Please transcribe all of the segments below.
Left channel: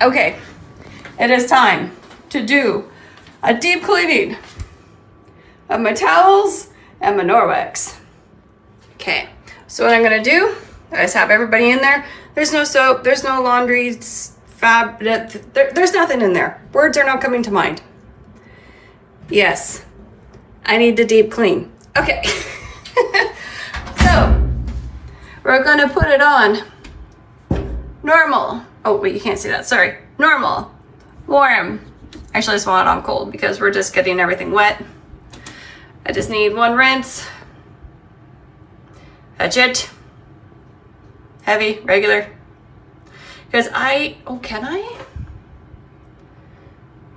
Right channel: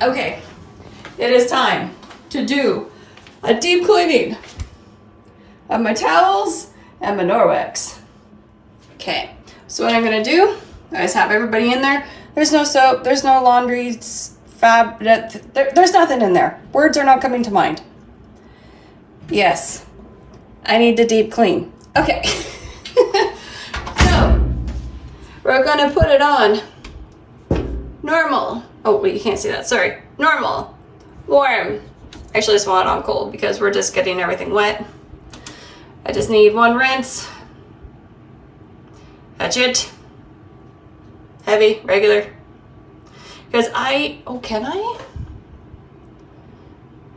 Okay, it is time to do a deep cleaning of my towels and my Norwex. Okay, so what I'm gonna do is have everybody in there. There's no soap, there's no laundry, there's nothing in there. Words are not coming to mind. Yes, I need to deep clean. Okay, so we're gonna put it on normal. Oh wait, you can't see that, sorry. Normal, warm. Actually, I just want it on cold because we're just getting everything wet. I just need one rinse. That's it. Heavy, regular. Because can I?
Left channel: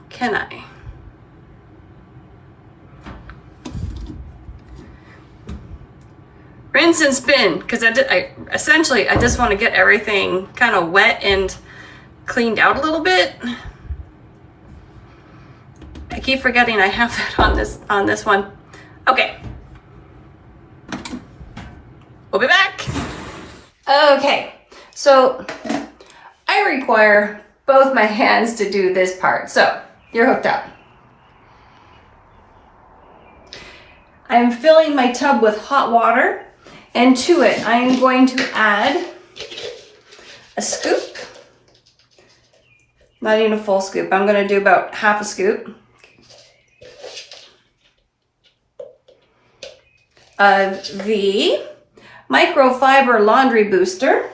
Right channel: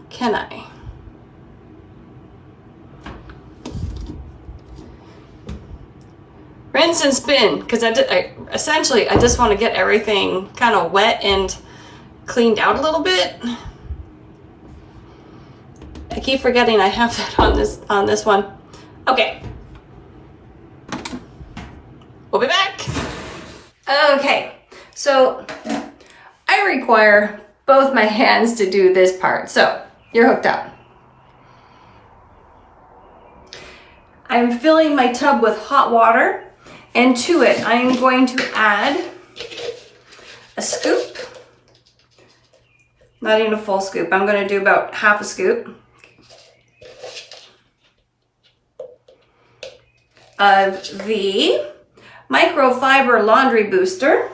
Can I? Rinse and spin, because essentially I just want to get everything kind of wet and cleaned out a little bit. I keep forgetting I have that on this one. Okay. We'll be back. Okay, so I require both my hands to do this part. So you're hooked up. I'm filling my tub with hot water, and to it I'm going to add a scoop. Not even a full scoop. I'm going to do about half a scoop of the microfiber laundry booster.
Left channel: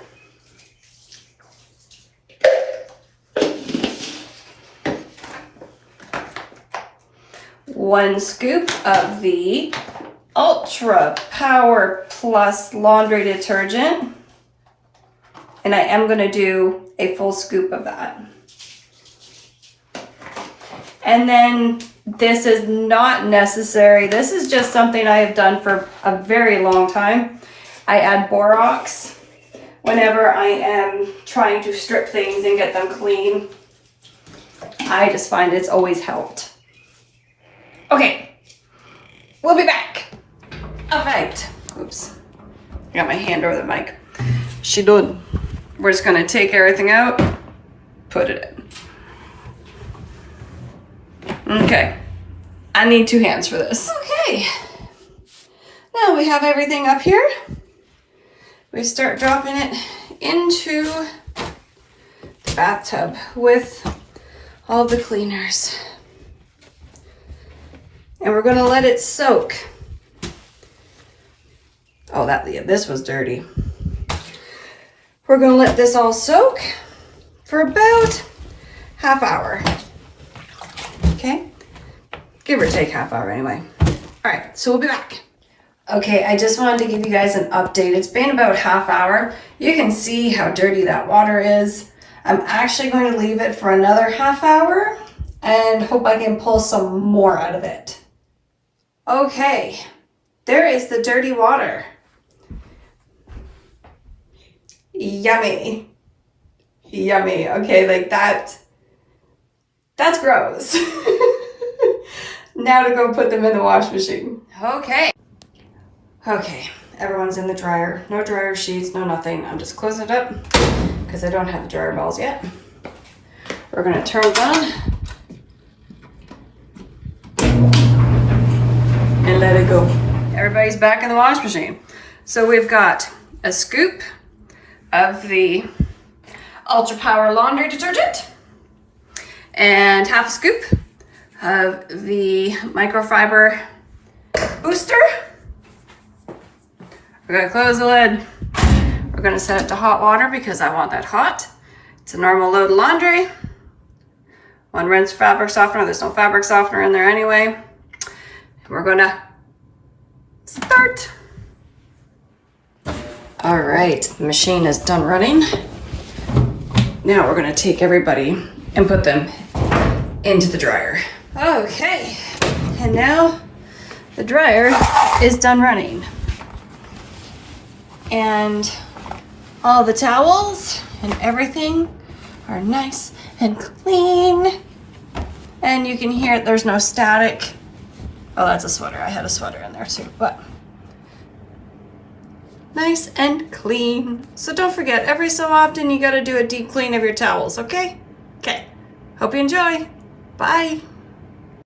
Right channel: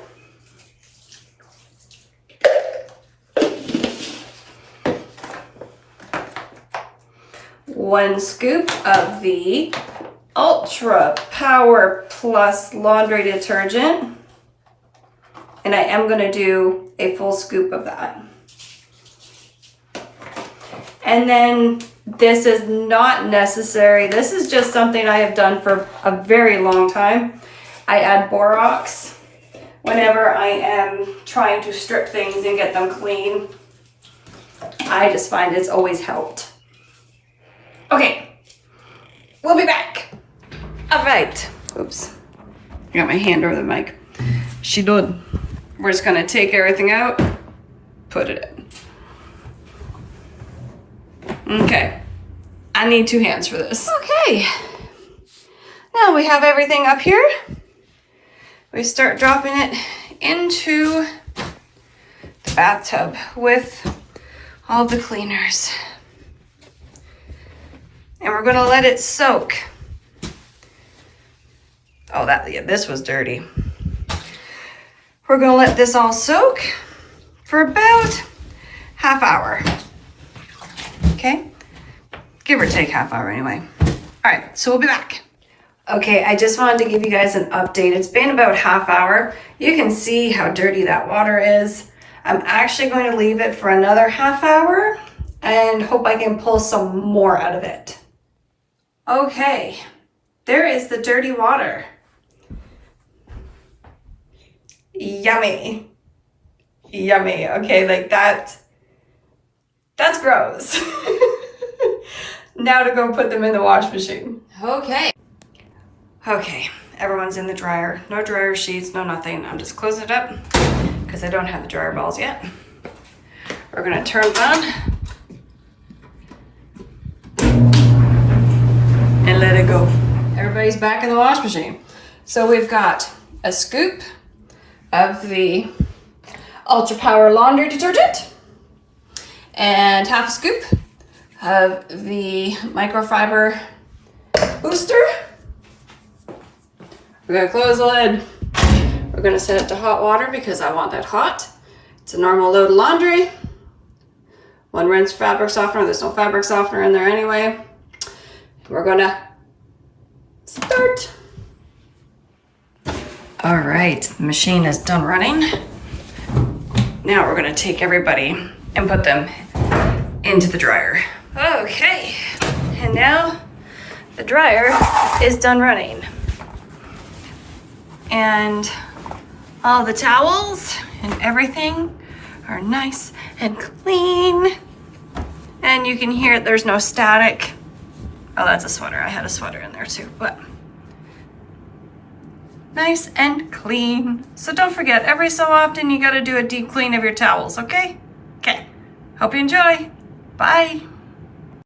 One scoop of the Ultra Power Plus laundry detergent. And I am going to do a full scoop of that. And then this is not necessary. This is just something I have done for a very long time. I add borax whenever I am trying to strip things and get them clean. I just find it's always helped. Okay, we'll be back. All right. Oops, I got my hand over the mic. She done. We're just gonna take everything out, put it in. Okay, I need two hands for this. Okay, now we have everything up here. We start dropping it into the bathtub with all the cleaners. And we're gonna let it soak. Oh, this was dirty. We're gonna let this all soak for about half hour. Okay, give or take half hour anyway. All right, so we'll be back. Okay, I just wanted to give you guys an update. It's been about half hour. You can see how dirty that water is. I'm actually going to leave it for another half hour and hope I can pull some more out of it. Okay, there is the dirty water. Yummy. Yummy. Okay, like that's gross. Now to go put them in the wash machine. Okay. Okay, everyone's in the dryer. No dryer sheets, no nothing. I'm just closing it up because I don't have the dryer balls yet. We're gonna turn it on and let it go. Everybody's back in the wash machine. So we've got a scoop of the Ultra Power laundry detergent and half a scoop of the microfiber booster. We're gonna close the lid. We're gonna set it to hot water because I want that hot. It's a normal load of laundry. One rinse fabric softener. There's no fabric softener in there anyway. We're gonna start. All right, the machine is done running. Now we're gonna take everybody and put them into the dryer. Okay, and now the dryer is done running. And all the towels and everything are nice and clean. And you can hear there's no static. Oh, that's a sweater. I had a sweater in there too, but nice and clean. So don't forget, every so often you gotta do a deep clean of your towels, okay? Okay, hope you enjoy. Bye.